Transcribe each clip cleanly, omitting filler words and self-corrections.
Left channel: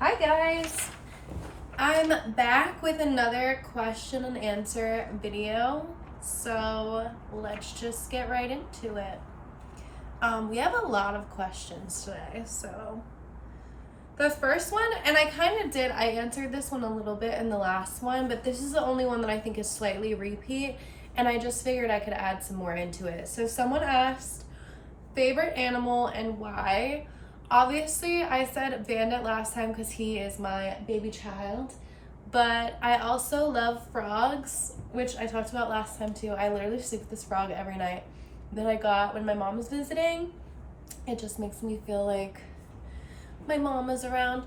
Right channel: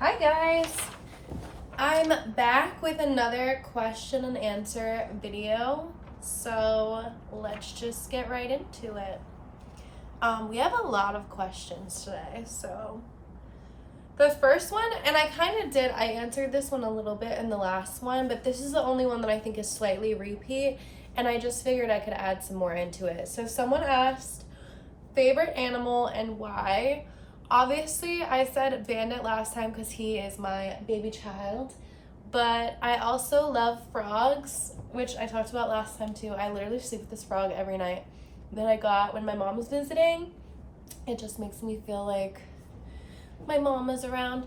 Hi guys! I'm back with another question and answer video, so let's just get right into it. We have a lot of questions today, so the first one, and I answered this one a little bit in the last one, but this is the only one that I think is slightly repeat, and I just figured I could add some more into it. So someone asked, favorite animal and why? Obviously, I said Bandit last time because he is my baby child, but I also love frogs, which I talked about last time too. I literally sleep with this frog every night that I got when my mom was visiting. It just makes me feel like my mom is around.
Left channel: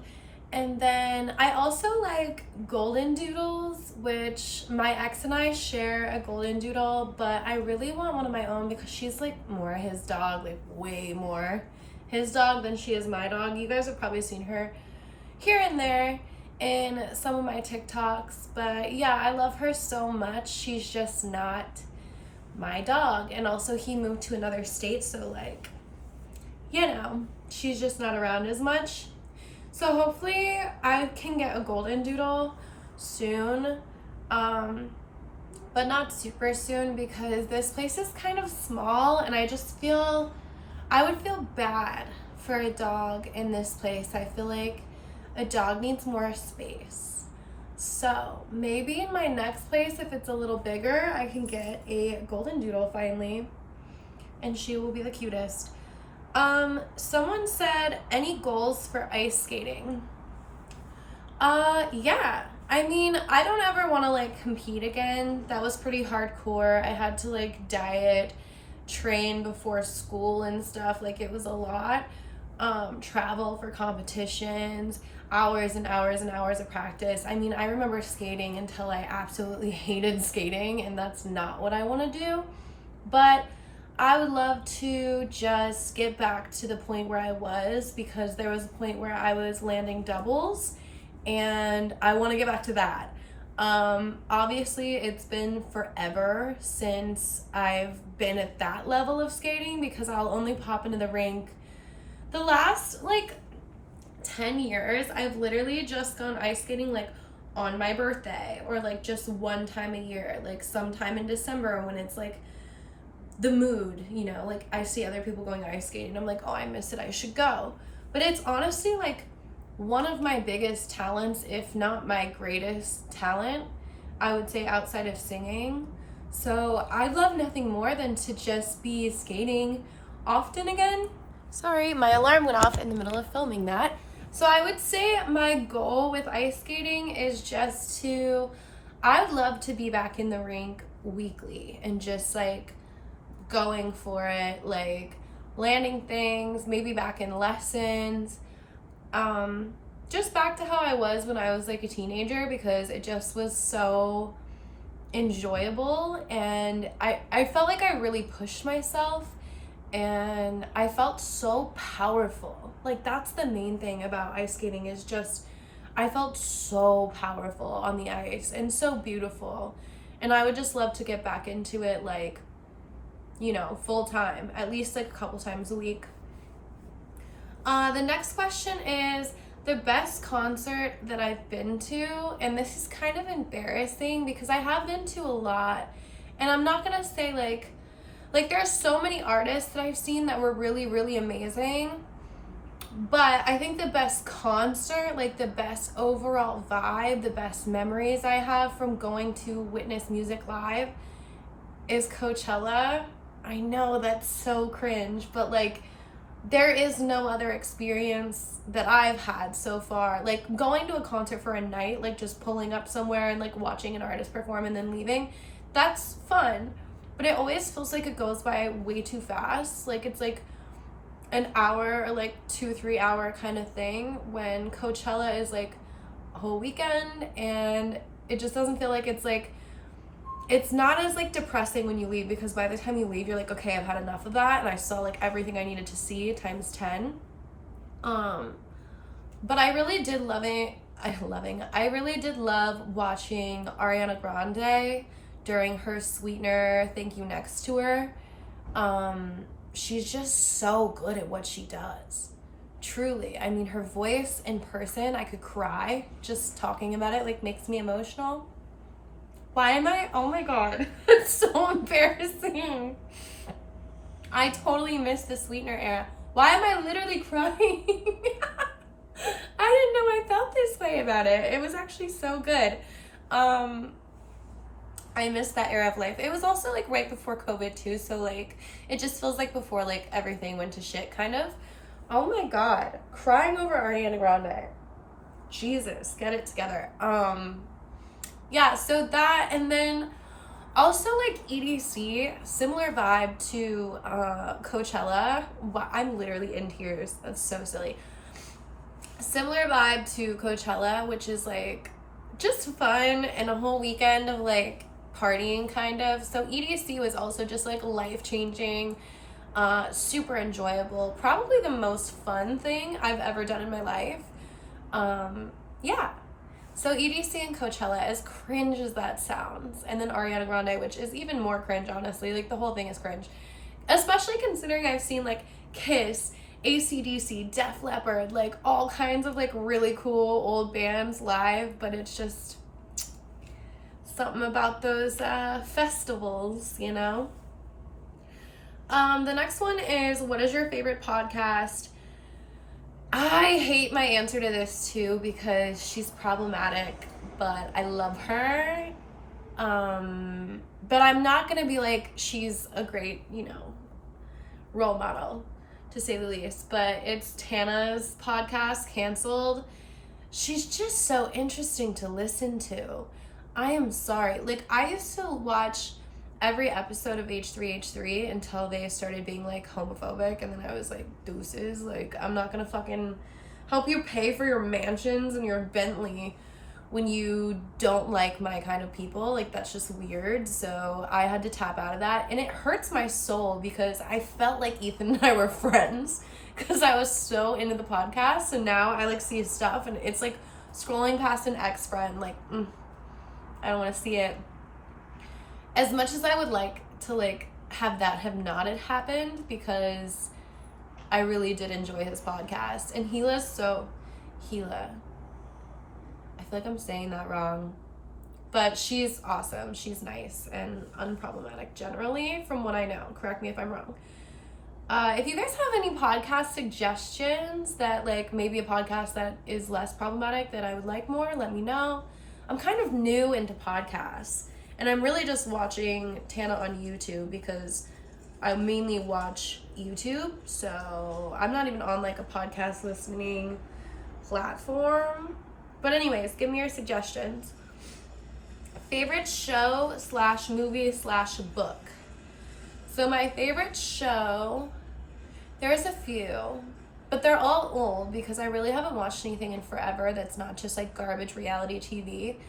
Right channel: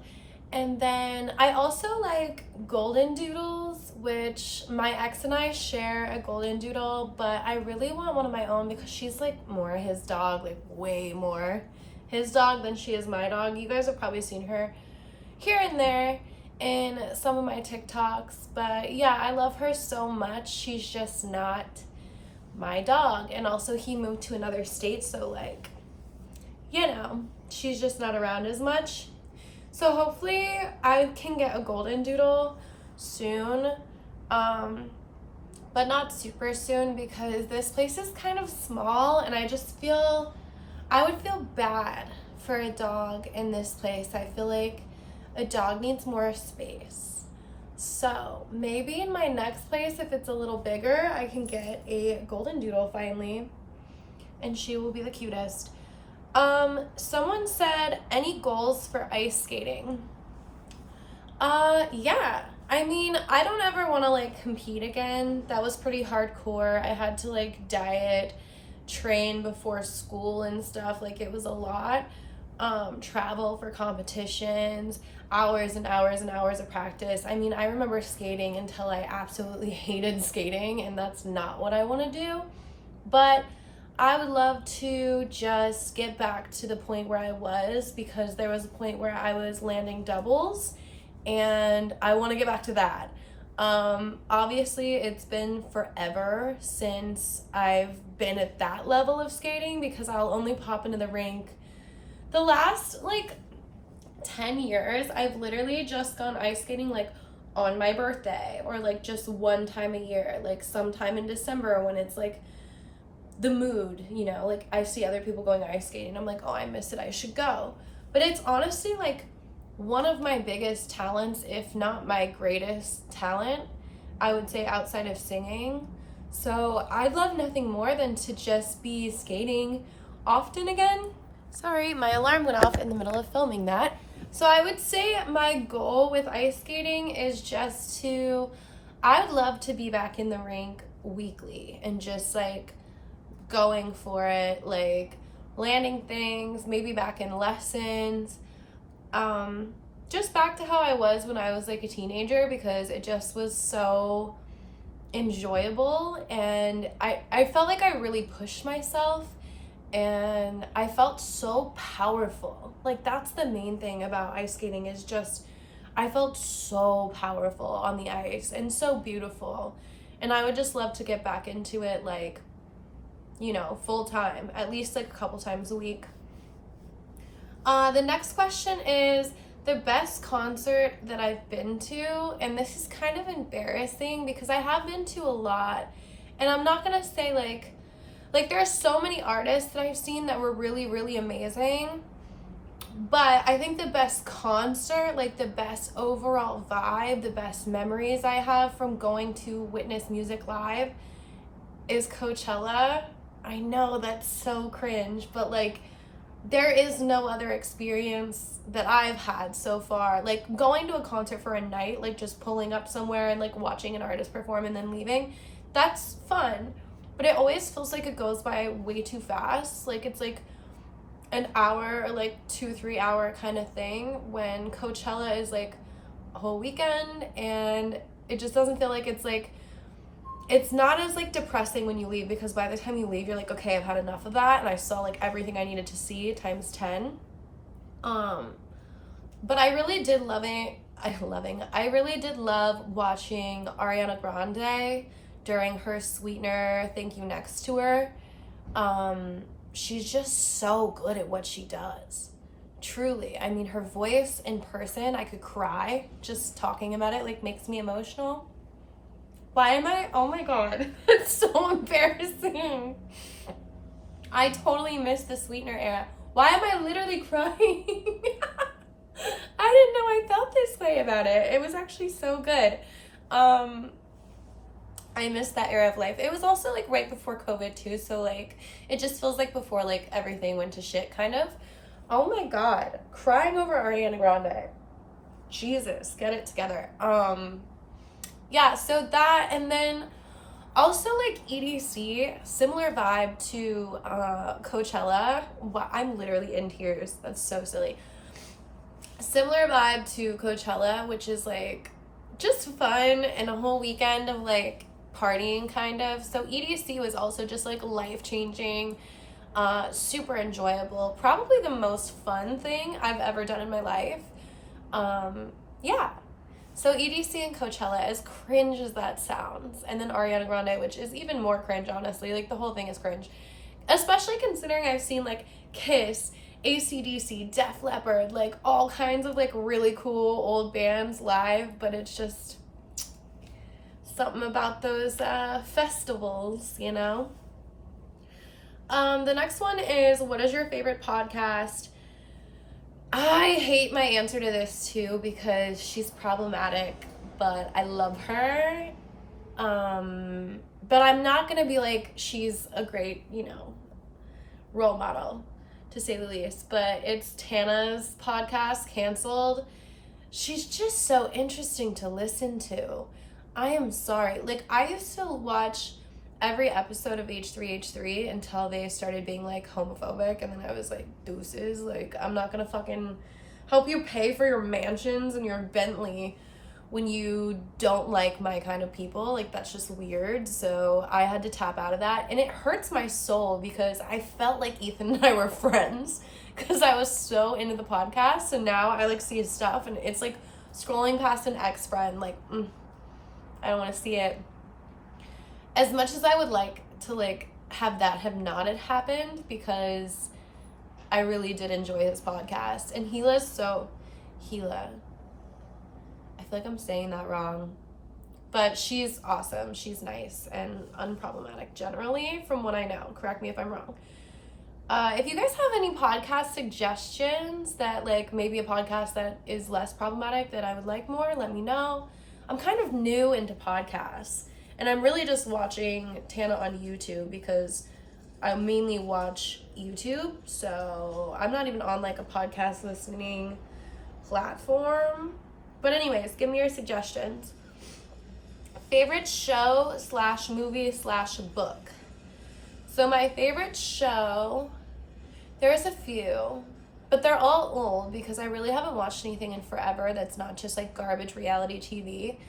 And then I also like golden doodles, which my ex and I share a golden doodle, but I really want one of my own because she's like more his dog, like way more his dog than she is my dog. You guys have probably seen her here and there in some of my TikToks, but yeah, I love her so much. She's just not my dog. And also he moved to another state, so like, you know, she's just not around as much. So hopefully I can get a golden doodle soon, but not super soon because this place is kind of small and I just feel, I would feel bad for a dog in this place. I feel like a dog needs more space. So maybe in my next place, if it's a little bigger, I can get a golden doodle finally, and she will be the cutest. Someone said, any goals for ice skating? Yeah. I mean, I don't ever want to like compete again. That was pretty hardcore. I had to like diet, train before school and stuff. Like it was a lot. Travel for competitions, hours and hours and hours of practice. I mean, I remember skating until I absolutely hated skating, and that's not what I want to do. But I would love to just get back to the point where I was, because there was a point where I was landing doubles and I want to get back to that. Obviously it's been forever since I've been at that level of skating because I'll only pop into the rink the last like 10 years. I've literally just gone ice skating like on my birthday or like just one time a year, like sometime in December when it's like the mood, you know, like I see other people going ice skating. I'm like, oh, I miss it. I should go. But it's honestly like one of my biggest talents, if not my greatest talent, I would say, outside of singing. So I'd love nothing more than to just be skating often again. Sorry, my alarm went off in the middle of filming that. So I would say my goal with ice skating is just to, I'd love to be back in the rink weekly and just like going for it, like landing things, maybe back in lessons, just back to how I was when I was like a teenager, because it just was so enjoyable and I felt like I really pushed myself and I felt so powerful. Like that's the main thing about ice skating, is just I felt so powerful on the ice and so beautiful, and I would just love to get back into it, like, you know, full time, at least like a couple times a week. The next question is the best concert that I've been to, and this is kind of embarrassing because I have been to a lot, and I'm not gonna say like there are so many artists that I've seen that were really, really amazing, but I think the best concert, like the best overall vibe, the best memories I have from going to witness music live is Coachella. I know that's so cringe, but like there is no other experience that I've had so far. Like going to a concert for a night, like just pulling up somewhere and like watching an artist perform and then leaving, that's fun. But it always feels like it goes by way too fast. Like it's like an hour or like 2-3 hour kind of thing, when Coachella is like a whole weekend, and it just doesn't feel like it's like, it's not as like depressing when you leave, because by the time you leave you're like, okay, I've had enough of that and I saw like everything I needed to see times 10. But I really did love it. I really did love watching Ariana Grande during her Sweetener Thank You Next tour. She's just so good at what she does. Truly. I mean, her voice in person, I could cry just talking about it, like, makes me emotional. Why am I? Oh my God. It's so embarrassing. I totally missed the Sweetener era. Why am I literally crying? I didn't know I felt this way about it. It was actually so good. I missed that era of life. It was also like right before COVID too, so like it just feels like before like everything went to shit kind of. Oh my God, crying over Ariana Grande. Jesus, get it together. Yeah, so that, and then also like EDC, similar vibe to Coachella. I'm literally in tears. That's so silly. Similar vibe to Coachella, which is like just fun and a whole weekend of like partying kind of. So EDC was also just like life-changing, super enjoyable, probably the most fun thing I've ever done in my life. Yeah, so EDC and Coachella, as cringe as that sounds, and then Ariana Grande, which is even more cringe, honestly. Like, the whole thing is cringe, especially considering I've seen like Kiss, AC/DC, Def Leppard, like all kinds of like really cool old bands live, but it's just something about those festivals, you know? The next one is, what is your favorite podcast? I hate my answer to this too because she's problematic, but I love her. But I'm not gonna be like she's a great, role model, to say the least. But it's Tana's podcast, Canceled. She's just so interesting to listen to. I am sorry. Like, I used to watch every episode of H3H3 until they started being like homophobic, and then I was like, deuces, like, I'm not gonna fucking help you pay for your mansions and your Bentley when you don't like my kind of people. Like, that's just weird. So I had to tap out of that, and it hurts my soul because I felt like Ethan and I were friends because I was so into the podcast, and now I like see his stuff and it's like scrolling past an ex-friend, like, I don't want to see it. As much as I would like to like have that have not had happened, because I really did enjoy his podcast. And Gila, I feel like I'm saying that wrong, but she's awesome. She's nice and unproblematic generally, from what I know. Correct me if I'm wrong. If you guys have any podcast suggestions that like maybe a podcast that is less problematic that I would like more, let me know. I'm kind of new into podcasts. And I'm really just watching Tana on YouTube because I mainly watch YouTube. So I'm not even on like a podcast listening platform. But anyways, give me your suggestions. Favorite show / movie / book. So my favorite show, there's a few, but they're all old because I really haven't watched anything in forever that's not just like garbage reality TV.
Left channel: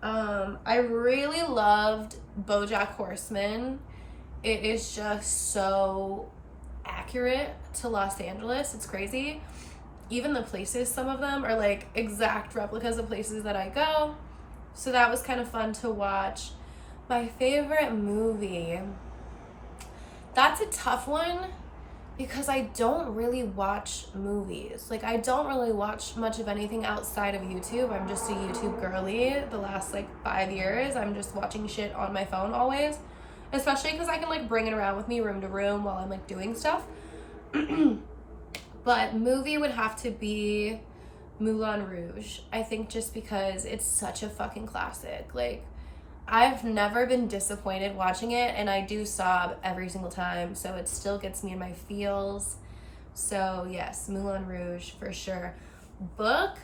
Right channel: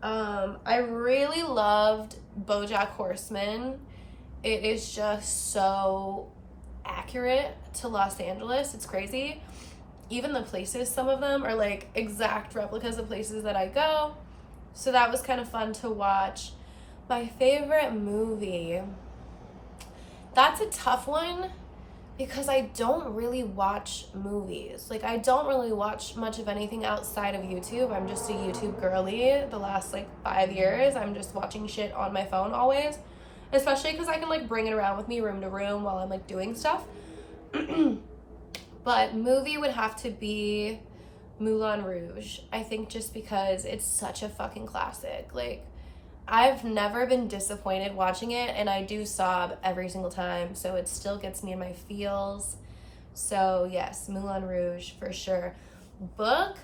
I really loved BoJack Horseman. It is just so accurate to Los Angeles. It's crazy. Even the places, some of them are like exact replicas of places that I go. So that was kind of fun to watch. My favorite movie, that's a tough one because I don't really watch movies. Like, I don't really watch much of anything outside of YouTube. I'm just a YouTube girly. The last like 5 years, I'm just watching shit on my phone always, especially because I can like bring it around with me room to room while I'm like doing stuff. But movie would have to be Moulin Rouge. I think just because it's such a fucking classic. Like, I've never been disappointed watching it, and I do sob every single time, so it still gets me in my feels. So yes, Moulin Rouge for sure. Book,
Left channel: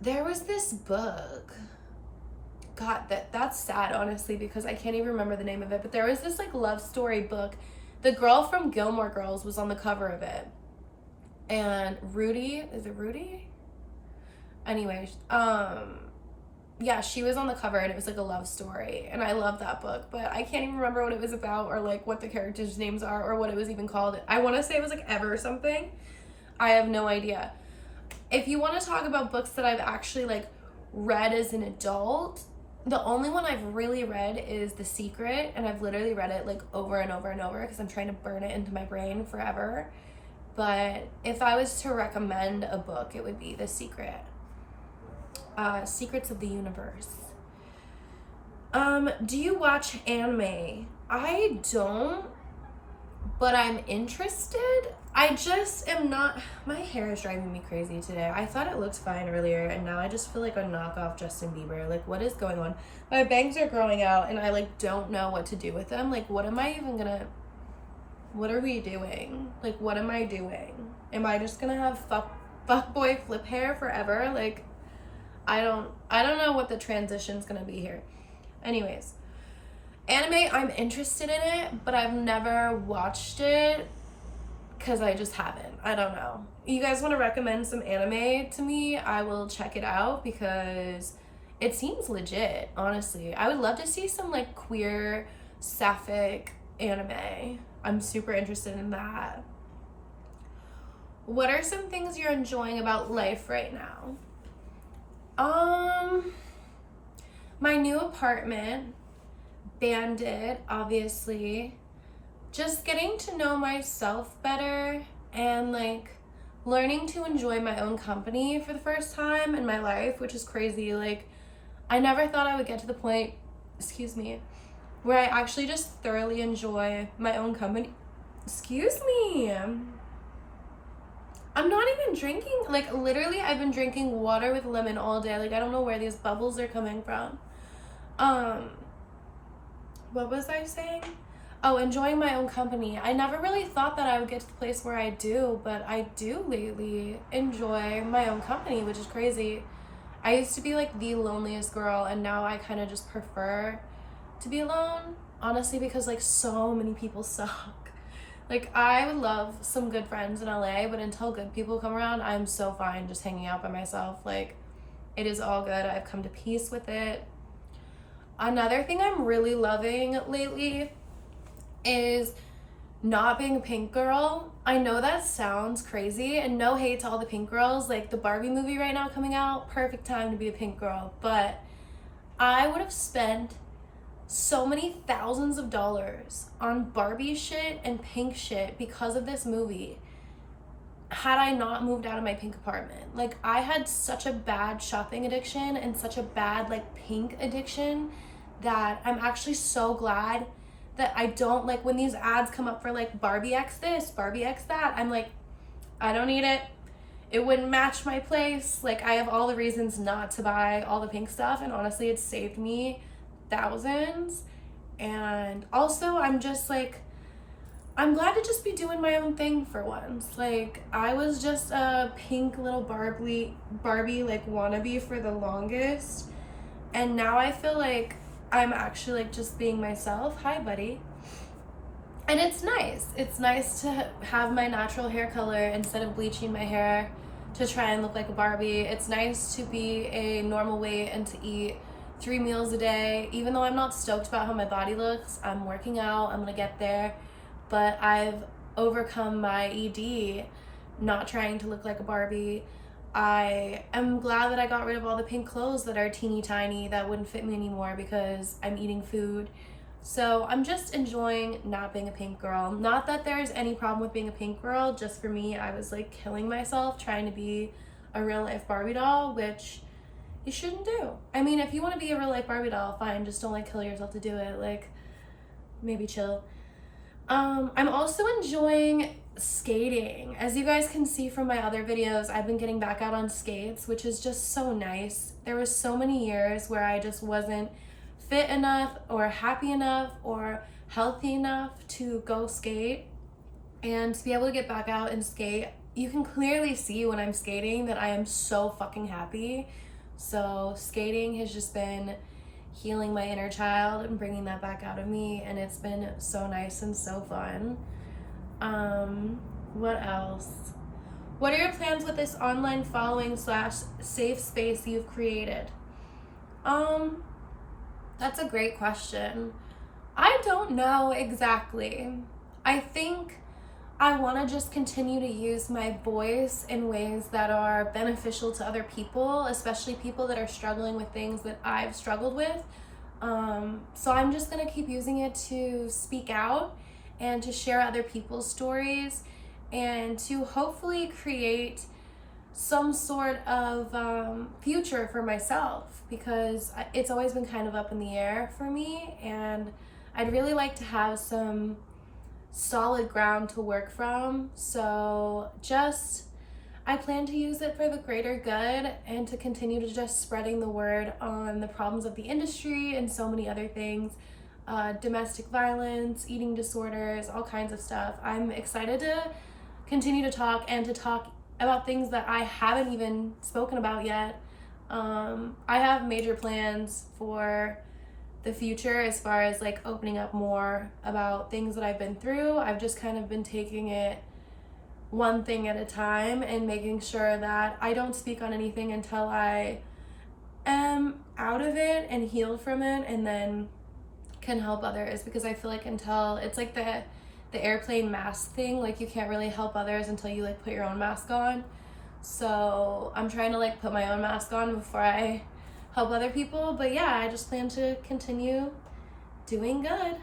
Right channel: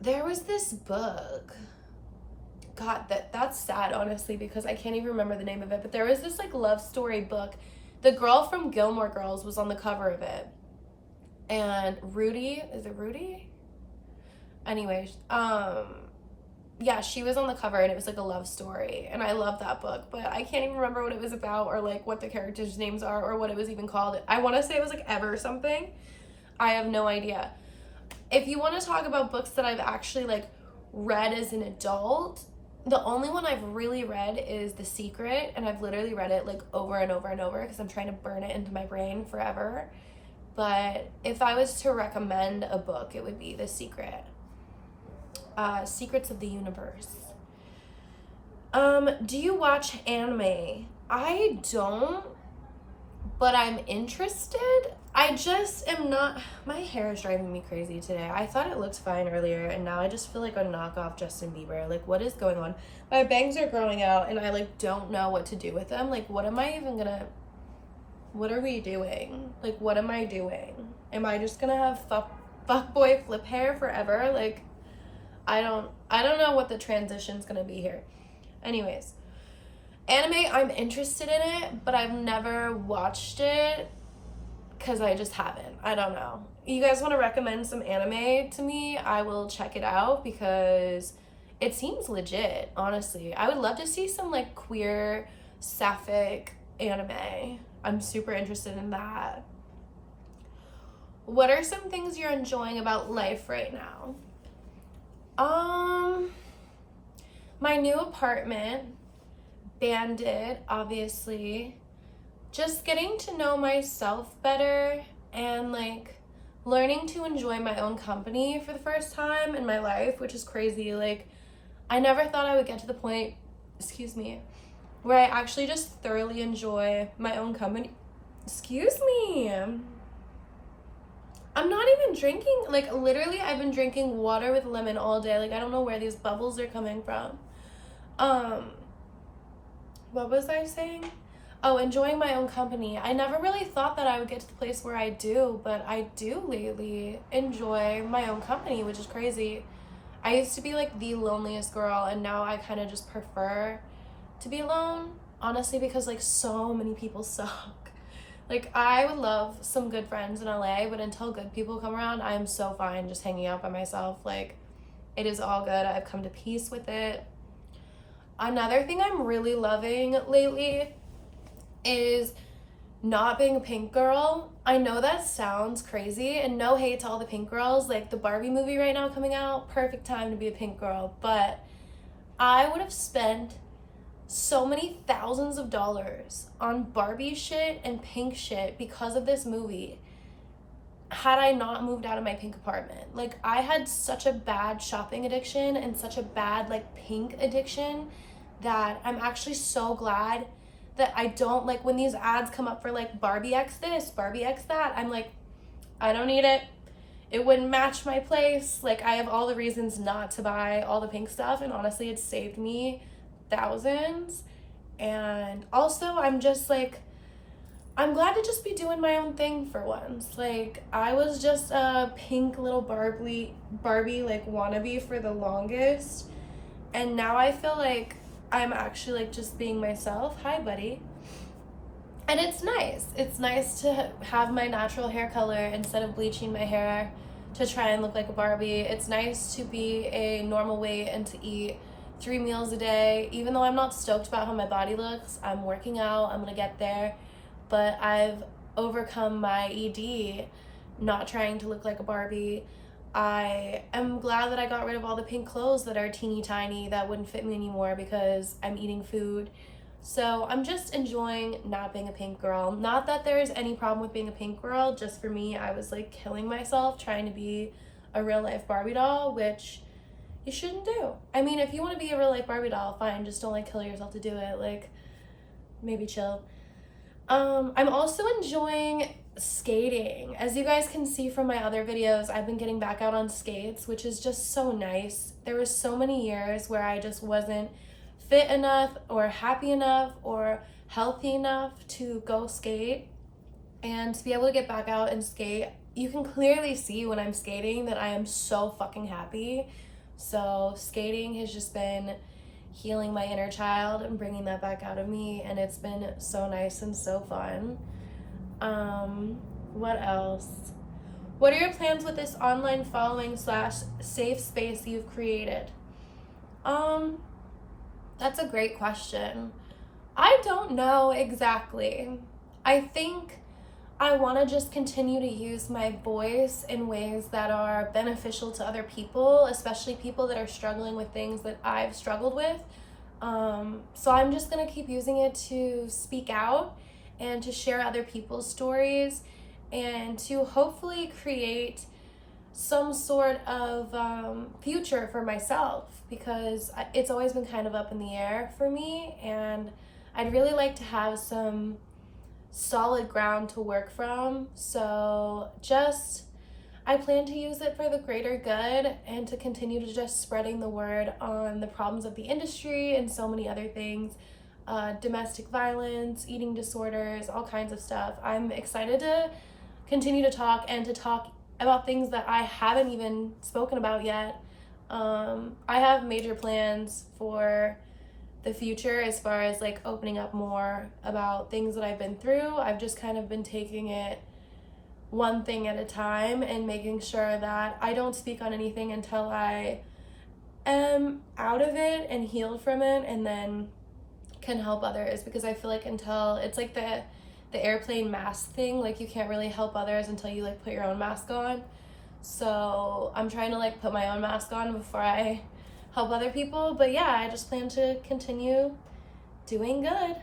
there was this book, God, that's sad, honestly, because I can't even remember the name of it, but there was this like love story book. The girl from Gilmore Girls was on the cover of it, and Rudy, is it Rudy? Anyways, yeah, she was on the cover, and it was like a love story, and I love that book, but I can't even remember what it was about or like what the characters' names are or what it was even called. I want to say it was like Ever something. I have no idea. If you want to talk about books that I've actually like read as an adult, the only one I've really read is The Secret, and I've literally read it like over and over and over because I'm trying to burn it into my brain forever. but if I was to recommend a book, it would be The Secret. Secrets of the Universe. Do you watch anime? I don't, but I'm interested. I just am not, my hair is driving me crazy today. I thought it looked fine earlier, and now I just feel like a knockoff Justin Bieber. Like, what is going on? My bangs are growing out, and I, like, don't know what to do with them. Like, what am I even gonna, what are we doing? Like, what am I doing? Am I just gonna have fuckboy flip hair forever? Like, I don't know what the transition's gonna be here. Anyways, anime, I'm interested in it, but I've never watched it because I just haven't. I don't know. You guys want to recommend some anime to me? I will check it out because it seems legit, honestly. I would love to see some like queer, sapphic anime. I'm super interested in that. What are some things you're enjoying about life right now? My new apartment, Bandit, obviously. Just getting to know myself better and like learning to enjoy my own company for the first time in my life, which is crazy. Like, I never thought I would get to the point, excuse me, where I actually just thoroughly enjoy my own company. Excuse me. I'm not even drinking, like, literally I've been drinking water with lemon all day. Like, I don't know where these bubbles are coming from. What was I saying? Oh, enjoying my own company. I never really thought that I would get to the place where I do, but I do lately enjoy my own company, which is crazy. I used to be like the loneliest girl, and now I kind of just prefer to be alone, honestly, because like so many people suck. Like, I would love some good friends in LA, but until good people come around, I'm so fine just hanging out by myself. Like, it is all good. I've come to peace with it. Another thing I'm really loving lately is not being a pink girl. I know that sounds crazy, and no hate to all the pink girls. Like, the Barbie movie right now coming out, perfect time to be a pink girl. But I would have spent so many thousands of dollars on Barbie shit and pink shit because of this movie had I not moved out of my pink apartment. Like, I had such a bad shopping addiction and such a bad like pink addiction that I'm actually so glad that I don't, like, when these ads come up for like Barbie X this, Barbie X that, I'm like, I don't need it. It wouldn't match my place. Like, I have all the reasons not to buy all the pink stuff, and honestly, it saved me thousands. And also, I'm just like, I'm glad to just be doing my own thing for once. Like, I was just a pink little Barbie like wannabe for the longest, and now I feel like I'm actually like just being myself. Hi, buddy. And it's nice. It's nice to have my natural hair color instead of bleaching my hair to try and look like a Barbie. It's nice to be a normal weight and to eat 3 meals a day. Even though I'm not stoked about how my body looks, I'm working out, I'm gonna get there. But I've overcome my ED, not trying to look like a Barbie. I am glad that I got rid of all the pink clothes that are teeny tiny that wouldn't fit me anymore because I'm eating food. So I'm just enjoying not being a pink girl. Not that there's any problem with being a pink girl, just for me, I was like killing myself trying to be a real life Barbie doll, which you shouldn't do. I mean, if you want to be a real life Barbie doll, fine, just don't like kill yourself to do it. Like, maybe chill. I'm also enjoying skating. As you guys can see from my other videos, I've been getting back out on skates, which is just so nice. There was so many years where I just wasn't fit enough or happy enough or healthy enough to go skate, and to be able to get back out and skate, you can clearly see when I'm skating that I am so fucking happy. So skating has just been healing my inner child and bringing that back out of me, and it's been so nice and so fun. What else? What are your plans with this online following / safe space you've created? That's a great question. I don't know exactly. I think I want to just continue to use my voice in ways that are beneficial to other people, especially people that are struggling with things that I've struggled with. So I'm just going to keep using it to speak out and to share other people's stories and to hopefully create some sort of future for myself, because it's always been kind of up in the air for me, and I'd really like to have some solid ground to work from. So I plan to use it for the greater good and to continue to just spreading the word on the problems of the industry and so many other things, domestic violence, eating disorders, all kinds of stuff. I'm excited to continue to talk and to talk about things that I haven't even spoken about yet. I have major plans for the future as far as like opening up more about things that I've been through. I've just kind of been taking it one thing at a time and making sure that I don't speak on anything until I am out of it and healed from it, and then can help others, because I feel like until it's like the airplane mask thing, like you can't really help others until you like put your own mask on. So I'm trying to like put my own mask on before I help other people. But yeah, I just plan to continue doing good.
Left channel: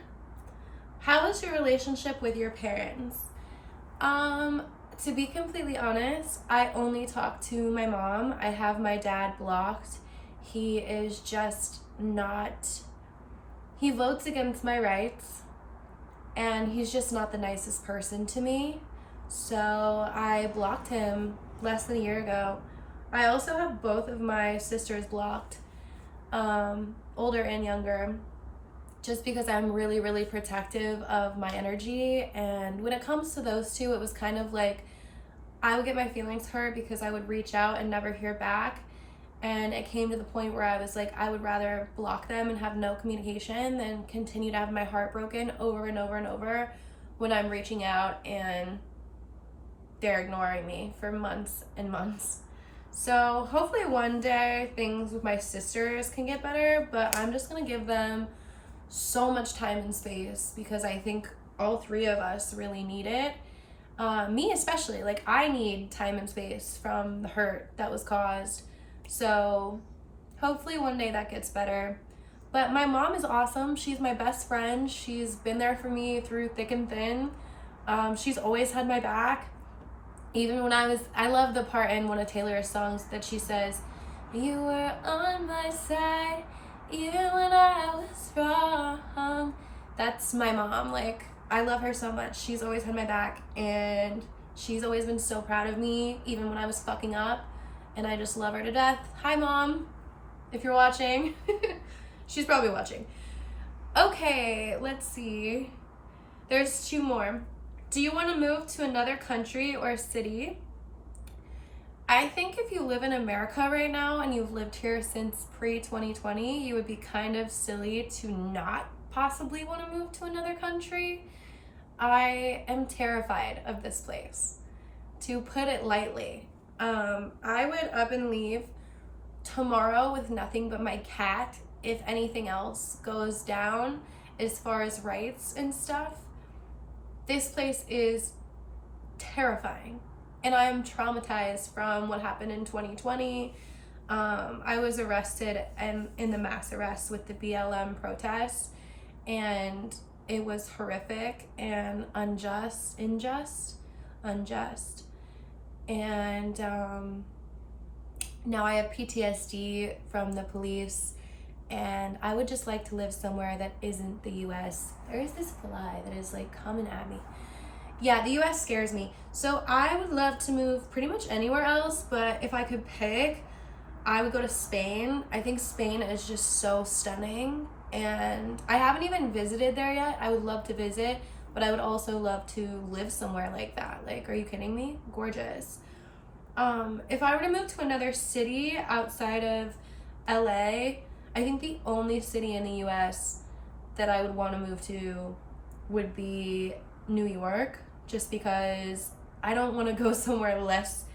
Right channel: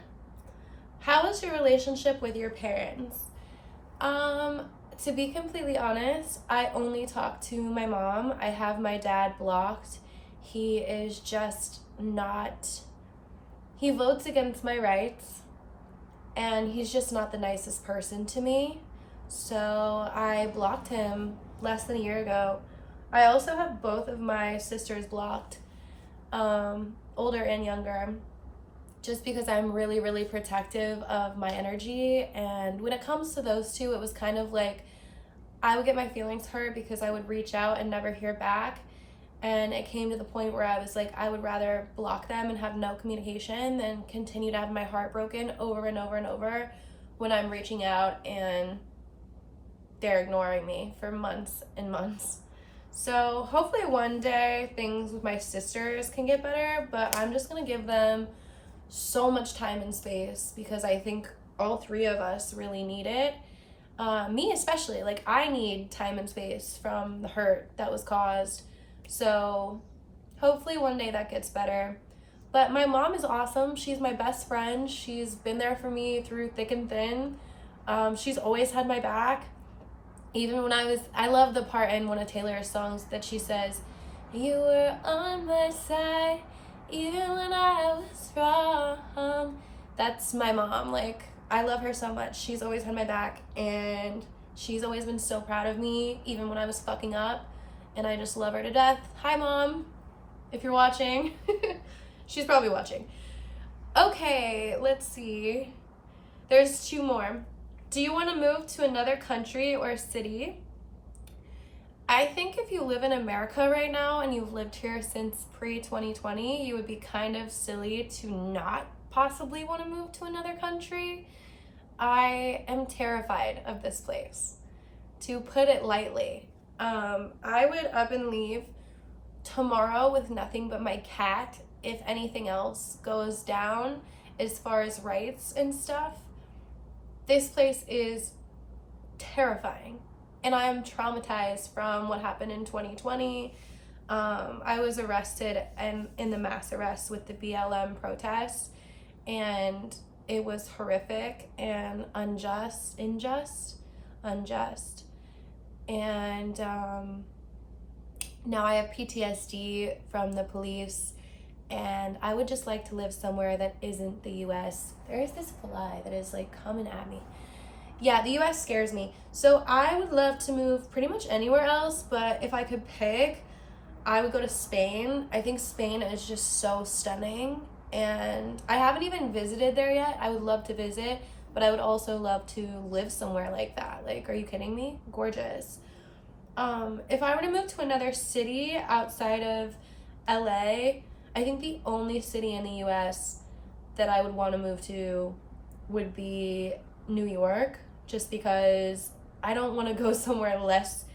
How is your relationship with your parents? To be completely honest, I only talk to my mom. I have my dad blocked. He is just not, he votes against my rights, and he's just not the nicest person to me. So I blocked him less than a year ago. I also have both of my sisters blocked, older and younger, just because I'm really, really protective of my energy. And when it comes to those two, it was kind of like I would get my feelings hurt because I would reach out and never hear back. And it came to the point where I was like, I would rather block them and have no communication than continue to have my heart broken over and over and over when I'm reaching out and they're ignoring me for months and months. So hopefully one day things with my sisters can get better, but I'm just gonna give them so much time and space because I think all three of us really need it. Me especially, like I need time and space from the hurt that was caused. So hopefully one day that gets better. But my mom is awesome. She's my best friend. She's been there for me through thick and thin. She's always had my back. Even when I love the part in one of Taylor's songs that she says, "You were on my side, even when I was wrong." That's my mom. Like, I love her so much. She's always had my back, and she's always been so proud of me, even when I was fucking up. And I just love her to death. Hi, Mom, if you're watching. She's probably watching. Okay, let's see. There's two more. Do you want to move to another country or city? I think if you live in America right now and you've lived here since pre-2020, you would be kind of silly to not possibly want to move to another country. I am terrified of this place, to put it lightly. I would up and leave tomorrow with nothing but my cat if anything else goes down as far as rights and stuff. This place is terrifying, and I am traumatized from what happened in 2020. I was arrested and in the mass arrest with the BLM protests, and it was horrific and unjust. And now I have PTSD from the police, and I would just like to live somewhere that isn't the US. There is this fly that is like coming at me. Yeah, the US scares me. So I would love to move pretty much anywhere else, but if I could pick, I would go to Spain. I think Spain is just so stunning, and I haven't even visited there yet. I would love to visit, but I would also love to live somewhere like that. Like, are you kidding me? Gorgeous. If I were to move to another city outside of LA, I think the only city in the US that I would want to move to would be New York, just because I don't want to go somewhere less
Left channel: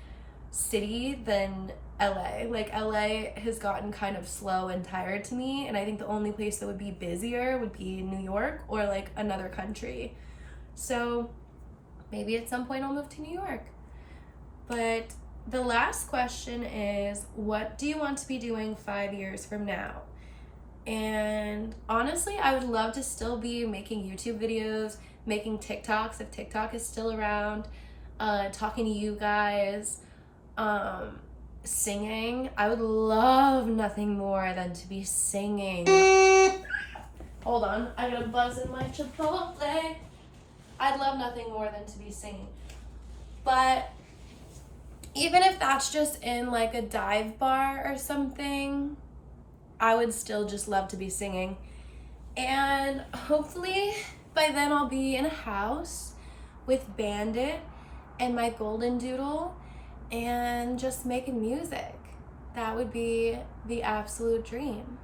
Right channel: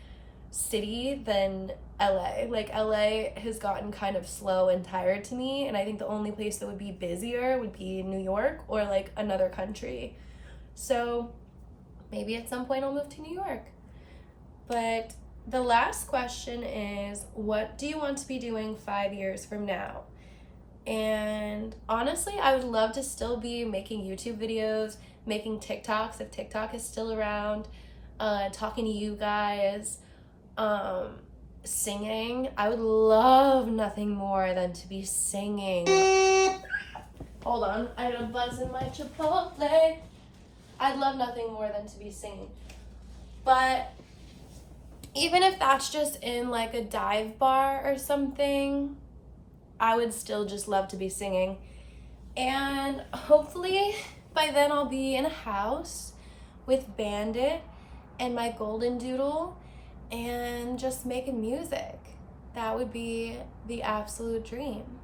city than LA. Like, LA has gotten kind of slow and tired to me, and I think the only place that would be busier would be New York or like another country. So maybe at some point I'll move to New York. But the last question is, what do you want to be doing 5 years from now? And honestly, I would love to still be making YouTube videos, making TikToks if TikTok is still around. talking to you guys, singing. I would love nothing more than to be singing. Hold on, I got a buzz in my Chipotle. I'd love nothing more than to be singing. But even if that's just in like a dive bar or something, I would still just love to be singing. And hopefully by then I'll be in a house with Bandit and my golden doodle and just making music. That would be the absolute dream.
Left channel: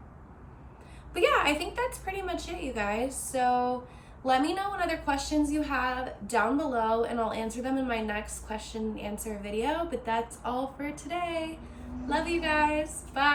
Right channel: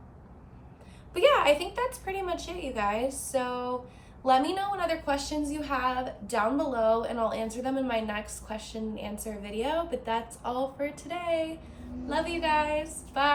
But yeah, I think that's pretty much it, you guys. So let me know what other questions you have down below and I'll answer them in my next question and answer video. But that's all for today. Love you guys. Bye.